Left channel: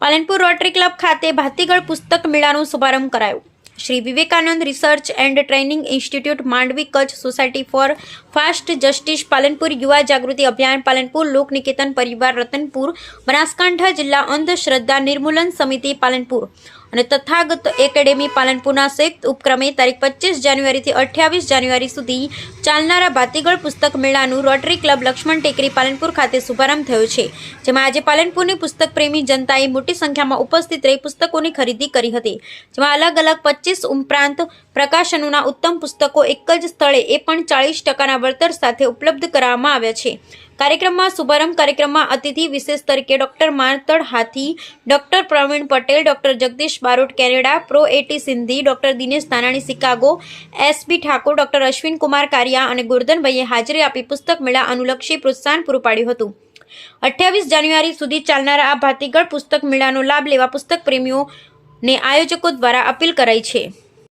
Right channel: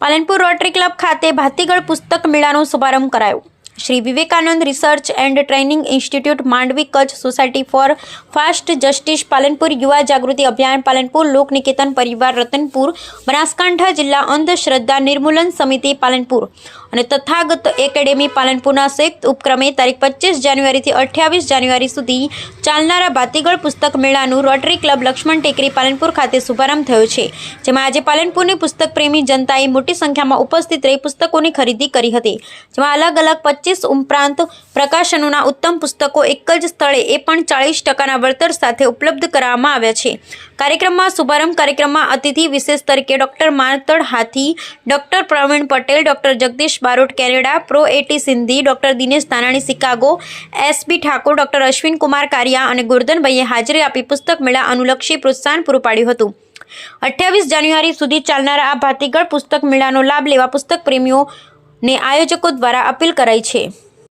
Palanpur rotary club ખાતે ભાતીગળ પુસ્તક મેળાનો શુભારંભ કરાયો। Shri Vivekananda research and training institute Mandvi Kutch society for fast justice Palanpur યુવા જાગૃતિ અભિયાન પાલનપુર લોક નિકેતન પરિવાર રતનપુર બનાસકાંઠા જિલ્લા અંધશ્રદ્ધા નિર્મૂલન સમિતિ પાલનપુર અને તથાગત એકેડેમી પાલનપુરના સંયુક્ત ઉપક્રમે તારીખ 25 જાન્યુઆરીથી 28 જાન્યુઆરી સુધી ચાલનારા ભાતીગળ પુસ્તક મેળાનું રોટરી ક્લબ લક્ષ્મણ ટેકરી પાલનપુર ખાતે શુભારંભ થયો છે, જેમાં આજે પાલનપુરની પુસ્તક પ્રેમી જનતાએ મોટી સંખ્યામાં ઉપસ્થિત રહી પુસ્તકોની ખરીદી કરી હતી, જેમાં અલગ અલગ 25 ઉપરાંત પ્રકાશનોના ઉત્તમ પુસ્તકો એક જ સ્થળે એ પણ 40% વળતર સાથે ઉપલબ્ધ કરાવવામાં આવ્યા છે। કાર્યક્રમમાં શુભારંભ કાર્યક્રમમાં અતિથિ વિશેષ તરીકે doctor Martand Hathi, doctor Pravin Patel, doctor Jagdish Barot Canada, prof A T Sindhi, doctor Dinesh Dhanani Chicago, S B Thakor, doctor Ashwin Kumar Kariya અને ગોરધનભાઈએ હાજરી આપી પુસ્તક મેળા અનુલક્ષી પ્રોત્સાહન પૂરું પાડ્યું હતું। 28 જાન્યુઆરી સુધી ચાલનારા આ ભાતીગળ પુસ્તક મેળાનો લાભ લેવા પુસ્તક પ્રેમીઓને આયોજકો દ્વારા અપીલ કરાઈ છે।